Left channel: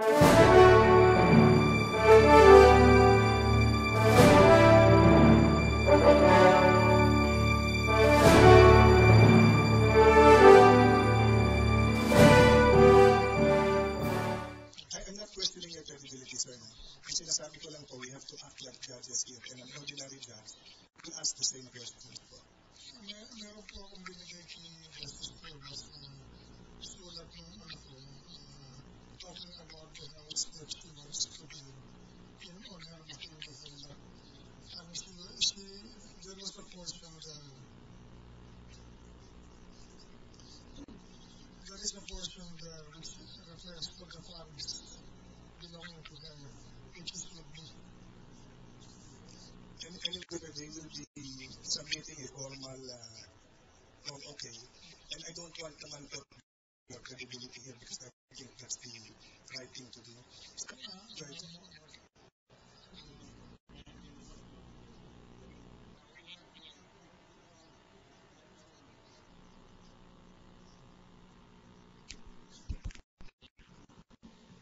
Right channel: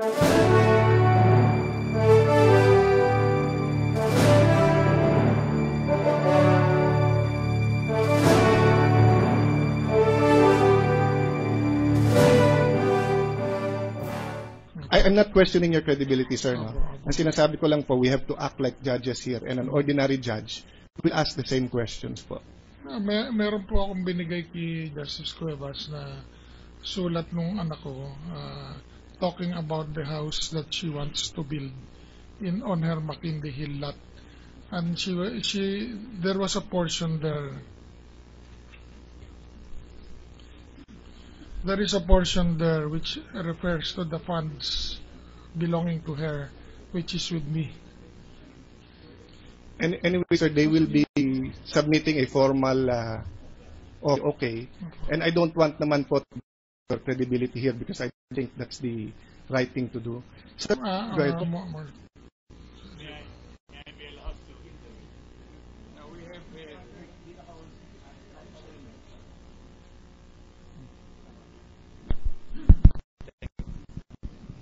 I'm not questioning your credibility, sir. No? Ang sinasabi ko lang po, we have to act like judges here, and an ordinary judge will ask the same questions po. Meron po akong binigay kay Justice Cuevas na sulat nung anak ko talking about the house that she wants to build on her McKinley Hill lot. And there was a portion there. There is a portion there which refers to the funds belonging to her, which is with me. And anyway, sir, they will be submitting a formal okay. And I don't want naman po credibility here because I think that's the right thing to do. So, go ahead.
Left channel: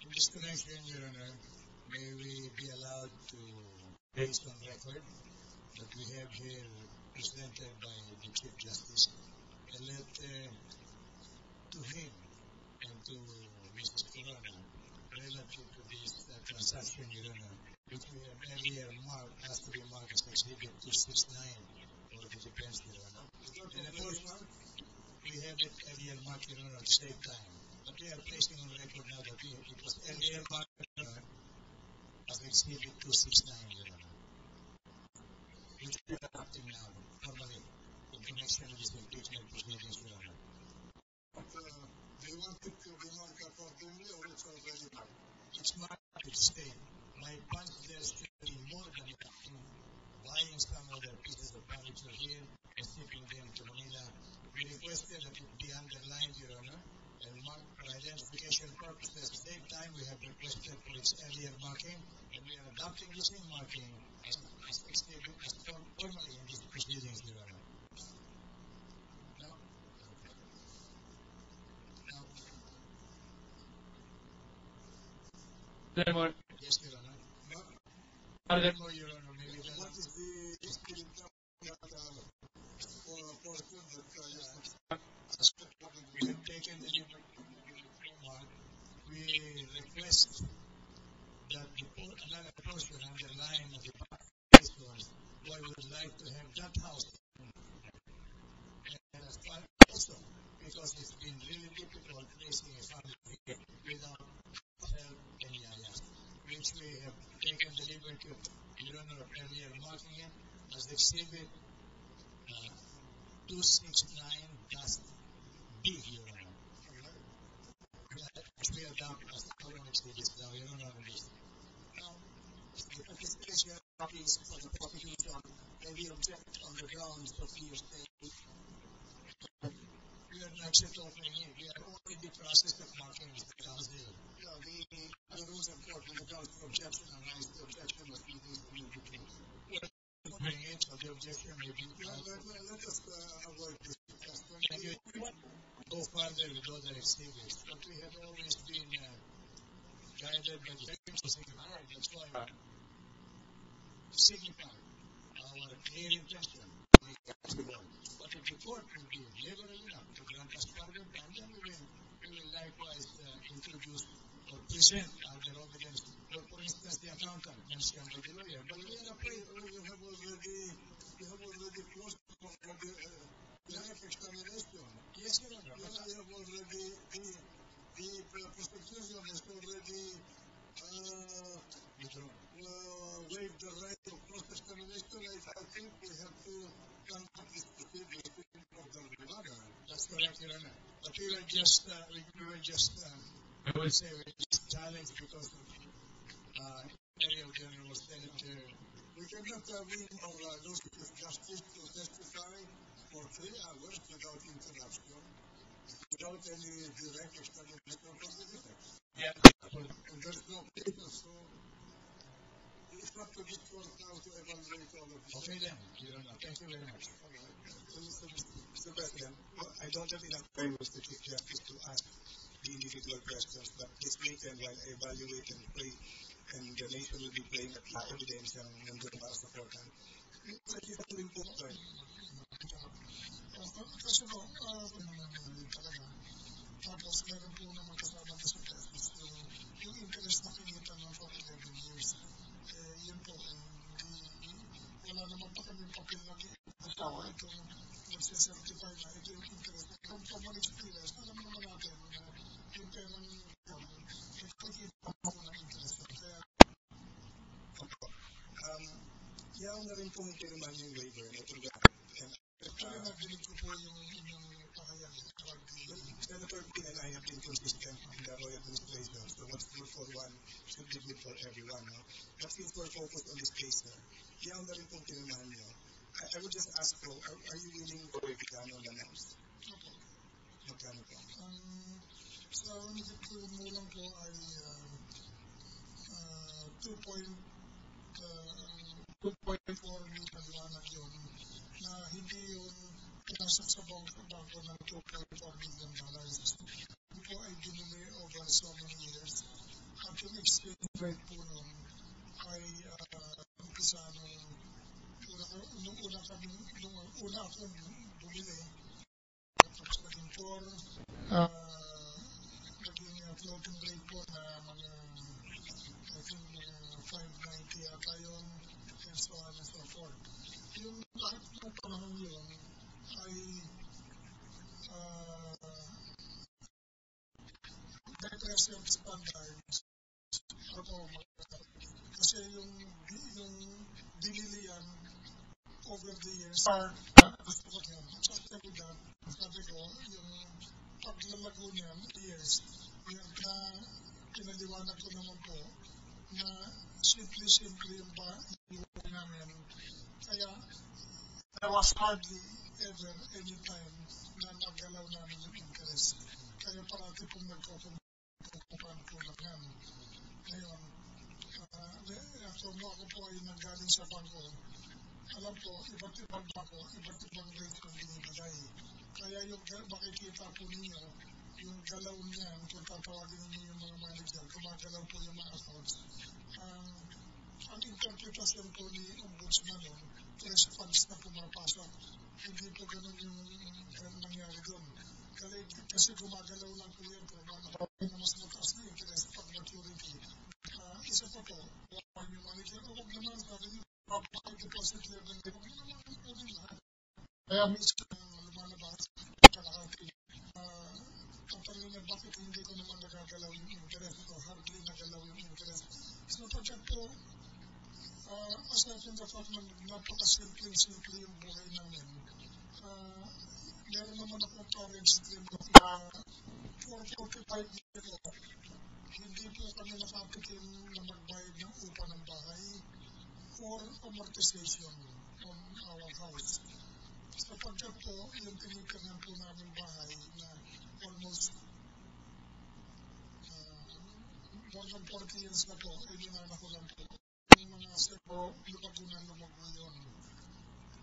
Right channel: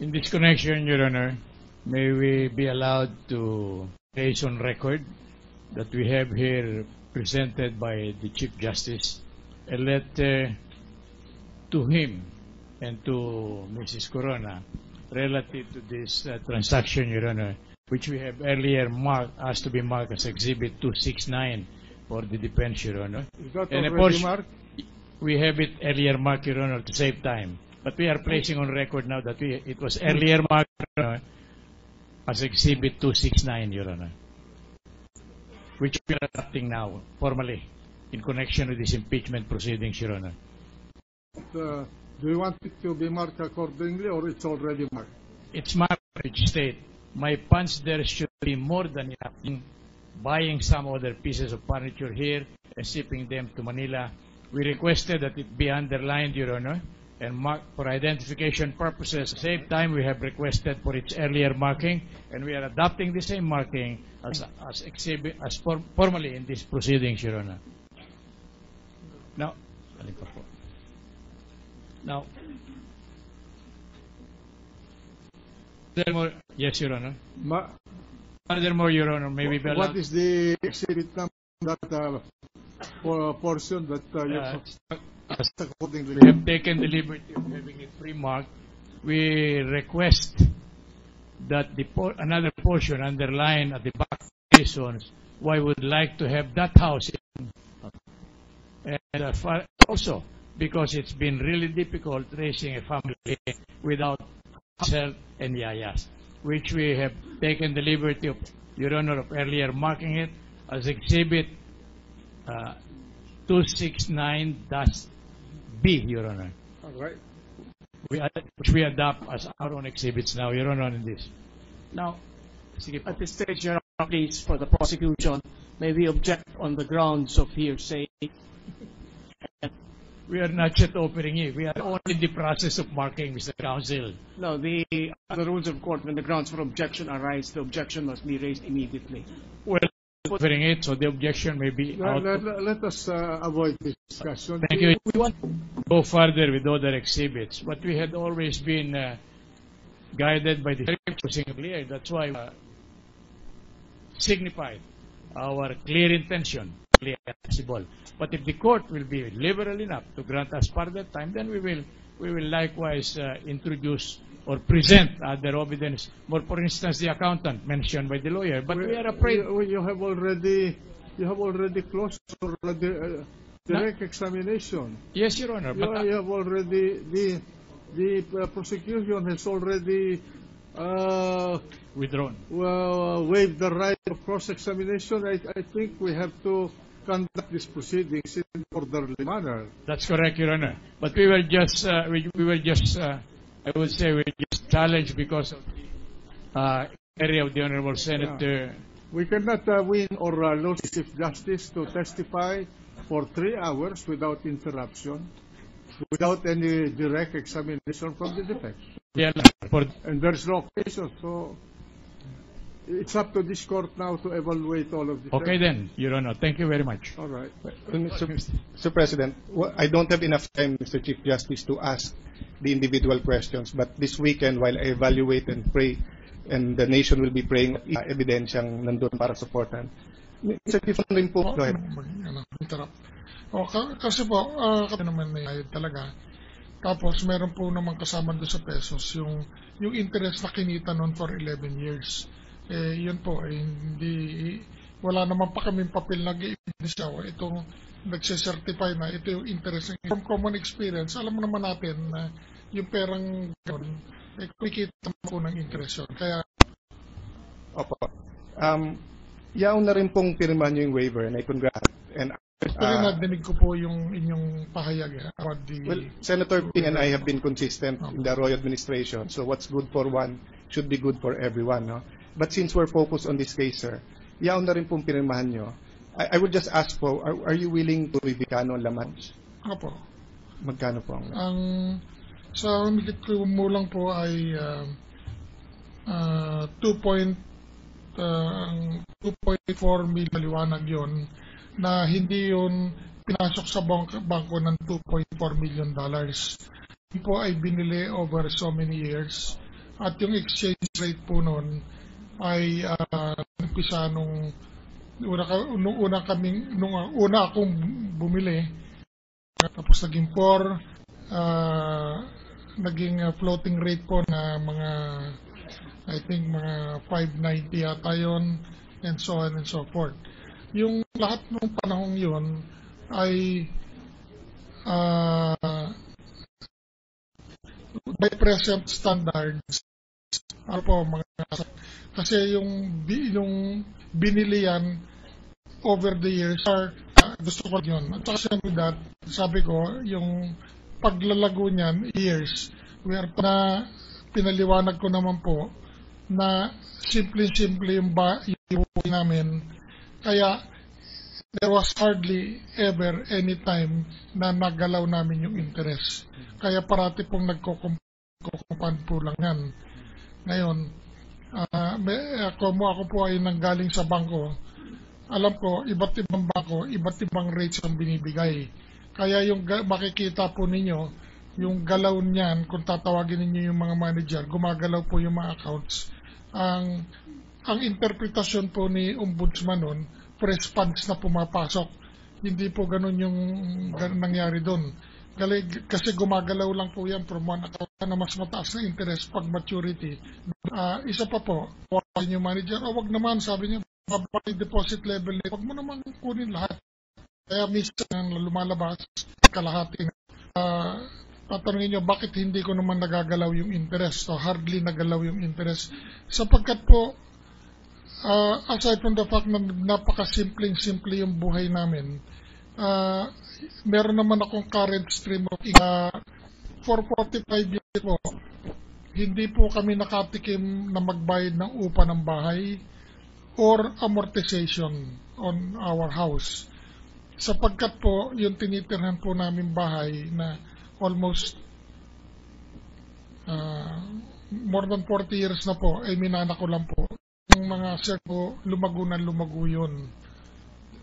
In this connection, Your Honor, may we be allowed to place on record that we have here presented by the Chief Justice a letter to him and to Mrs. Corona relative to this transaction, Your Honor, which we have earlier asked to be marked as Exhibit 269 for the defense, Your Honor. Is that and already marked? We have it earlier marked, Your Honor, to save time. But we are placing on record now that it was earlier marked as Exhibit 269, Your Honor, which we are adopting now formally in connection with this impeachment proceedings, Your Honor. Do you want it to be marked accordingly, or it's already marked? It's marked, which state my funds there should be more than enough in buying some other pieces of furniture here and shipping them to Manila. We requested that it be underlined, Your Honor, and marked for identification purposes. At the same time, we have requested for its earlier marking, and we are adopting the same marking as formally in these proceedings, Your Honor. Now, furthermore, yes, Your Honor. Furthermore, Your Honor, maybe what is the exhibit number that portion that we have taken the liberty of having it pre-marked. We request that another portion underlined at the back reasons why we would like to have that house and also because it's been really difficult raising a family without help and yayas, which we have taken the liberty of, Your Honor, of earlier marking it as Exhibit 269-B, Your Honor. All right. Which we adopt as our own exhibits now, Your Honor, in this. Now, at this stage, Your Honor, please, for the prosecution, may we object on the grounds of hearsay? We are not yet opening it. We are only in the process of marking, Mr. Counsel. No, the rules of court, when the grounds for objection arise, the objection must be raised immediately. Well, opening it, so the objection may be out. Let us avoid this discussion. Thank you. We want to go further with other exhibits, but we had always been guided by the choosing clear. That's why we signified our clear intention, clear possible. But if the court will be liberal enough to grant us further time, then we will likewise introduce or present other evidence. More, for instance, the accountant mentioned by the lawyer. But we are afraid. You have already closed the direct examination. Yes, Your Honor. But you have already the prosecution has already withdrawn. Waived the right of cross-examination. I think we have to conduct these proceedings in an orderly manner. That's correct, Your Honor. But we were just, I would say, we just challenged because of the area of the Honorable Senator. We cannot win or lose Chief Justice to testify for 3 hours without interruption, without any direct examination from the defense. Yeah, and there's no occasion, so it's up to this court now to evaluate all of this. Okay then, Your Honor. Thank you very much. All right. Mr. President, I don't have enough time, Mr. Chief Justice, to ask the individual questions. But this weekend, while I evaluate and pray, and the nation will be praying, ebidensyang nandun para supportan. Mr. Tifon rin po, go ahead. Interrupt. Kasi po, kami naman nayayad talaga. Tapos, meron po naman kasama doon sa pesos, yung interest na kinita noon for 11 years. Yun po, hindi, wala naman pa kaming papel na i-evidensya. Itong nagsicertify na ito yung interest. From common experience, alam naman natin na yung perang gano'n, kumikita po ng interest yun. Kaya, Opo. Yaon na rin pong pirma nyo yung waiver, and I congratulate. And actually, nadinig ko po yung inyong pahayag about the... well, Senator Ping and I have been consistent in the Arroyo administration, so what's good for one should be good for everyone. No? But since we're focused on this case, sir, yaon na rin pong pirmahan nyo. I would just ask po, are you willing to review kano laman? Opo. Magkano po ang... Sa umikit ko mo lang po ay 2.4 million liwanag yun, na hindi yun pinasok sa bangko ng $2.4 million. Yun po ay binili over so many years. At yung exchange rate po nun ay umpisa nung una akong bumili, tapos naging 4, naging floating rate po na mga, I think mga 590 yata yun, and so on and so forth. Yung lahat ng panahong yun ay by present standards, kasi yung binili yan over the years, gusto ko yun. At saka with that, sabi ko, yung paglalago niyan, years, na pinaliwanag ko naman po na simple yung buhay namin. Kaya there was hardly ever any time na nagalaw namin yung interest. Kaya parati pong nagkukumpan po lang yan. Ngayon, ako po ay nanggaling sa bangko. Alam ko, iba't ibang bangko, iba't ibang rates ang binibigay. Kaya yung makikita po ninyo, yung galaw niyan, kung tatawagin ninyo yung mga manager, gumagalaw po yung mga accounts. Ang interpretasyon po ni Ombudsman nun, fresh funds na pumapasok. Hindi po ganun yung nangyari doon. Kasi gumagalaw lang po yan from one account na mas mataas na interest pag maturity. Isa pa po, yung manager, wag naman, sabi niya, babalik deposit level nito, wag mo naman kunin lahat. Kaya minsan lumalabas, kalahati na. Tatanungin nyo, bakit hindi ko naman nagagalaw yung interest? So hardly nagalaw yung interest. Sapagkat po, aside from the fact na napakasimple yung buhay namin, meron naman akong current stream of for 45 years po, hindi po kami nakatikim na magbayad ng upa ng bahay or amortization on our house. Sapagkat po, yung tinitirhan po namin bahay na almost more than 40 years na po, ay minana ko lang po. Yung mga sir po, lumago yun.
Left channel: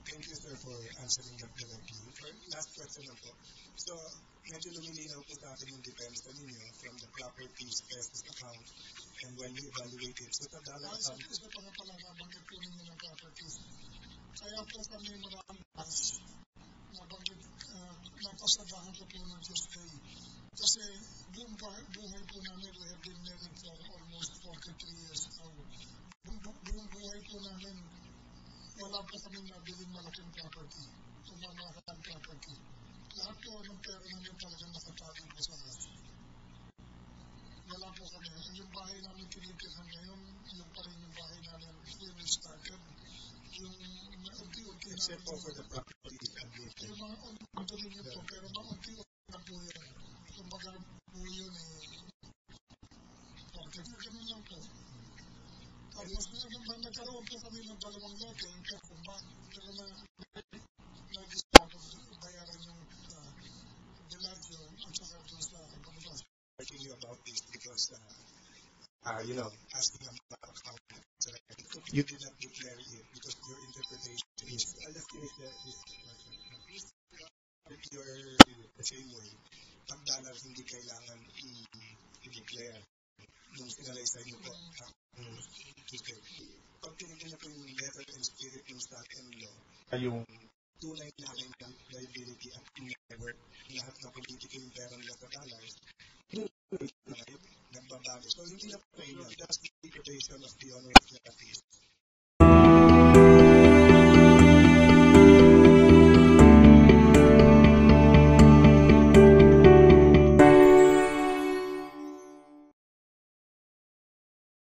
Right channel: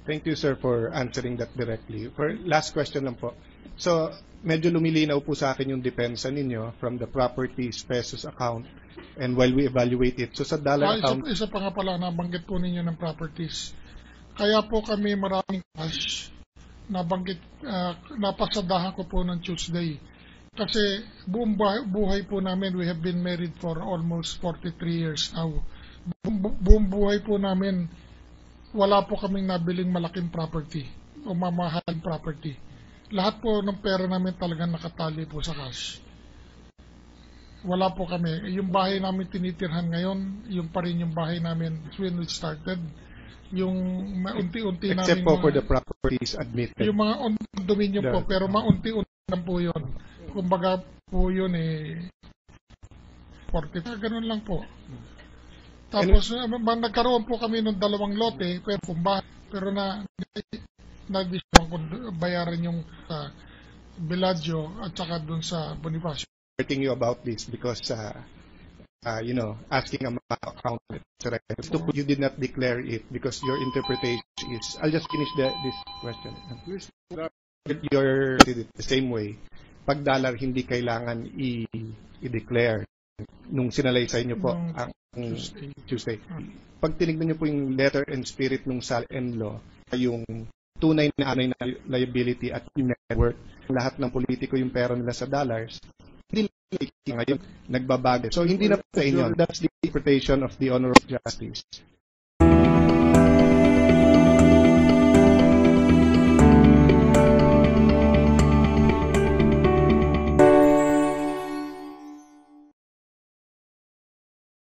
Thank you, sir, for answering that directly. For last question lang po. So, medyo lumilinaw po sa akin yung depensa ninyo from the properties pesos account and while we evaluate it. So, sa dollar account... Isa pa nga pala, nabanggit po ninyo ng properties. Kaya po kami maraming cash, napasadahan ko po ng Tuesday. Kasi buong buhay po namin, we have been married for almost 43 years now. Buong buhay po namin, wala po kaming nabiling malaking property o mamahaling property. Lahat po ng pera namin talagang nakatali po sa cash. Wala po kami. Yung bahay namin tinitirhan ngayon, yung pa rin yung bahay namin when we started. Yung maunti-unti namin... Except po for the properties admitted. Yung mga condominium po, pero maunti-unti lang po yun. Kumbaga po yun 40. Ganun lang po. Tapos nagkaroon po kami ng 2 lote, pero na-discount ko bayaran yung Bellagio at saka dun sa Bonifacio. Asking you about this because asking about account, etc. You did not declare it because your interpretation is. I'll just finish this question. Please. You're did it the same way. pag dollar hindi kailangan i-declare nung sinalaysay nyo po ang Tuesday. Pag tinignan nyo po yung letter and spirit nung SAL-N law, yung tunay na liability at yung net worth, lahat ng politiko yung pera nila sa dollars, hindi ngayon nagbabago. So hindi na po sa inyo. That's the interpretation of the Honor of Justice.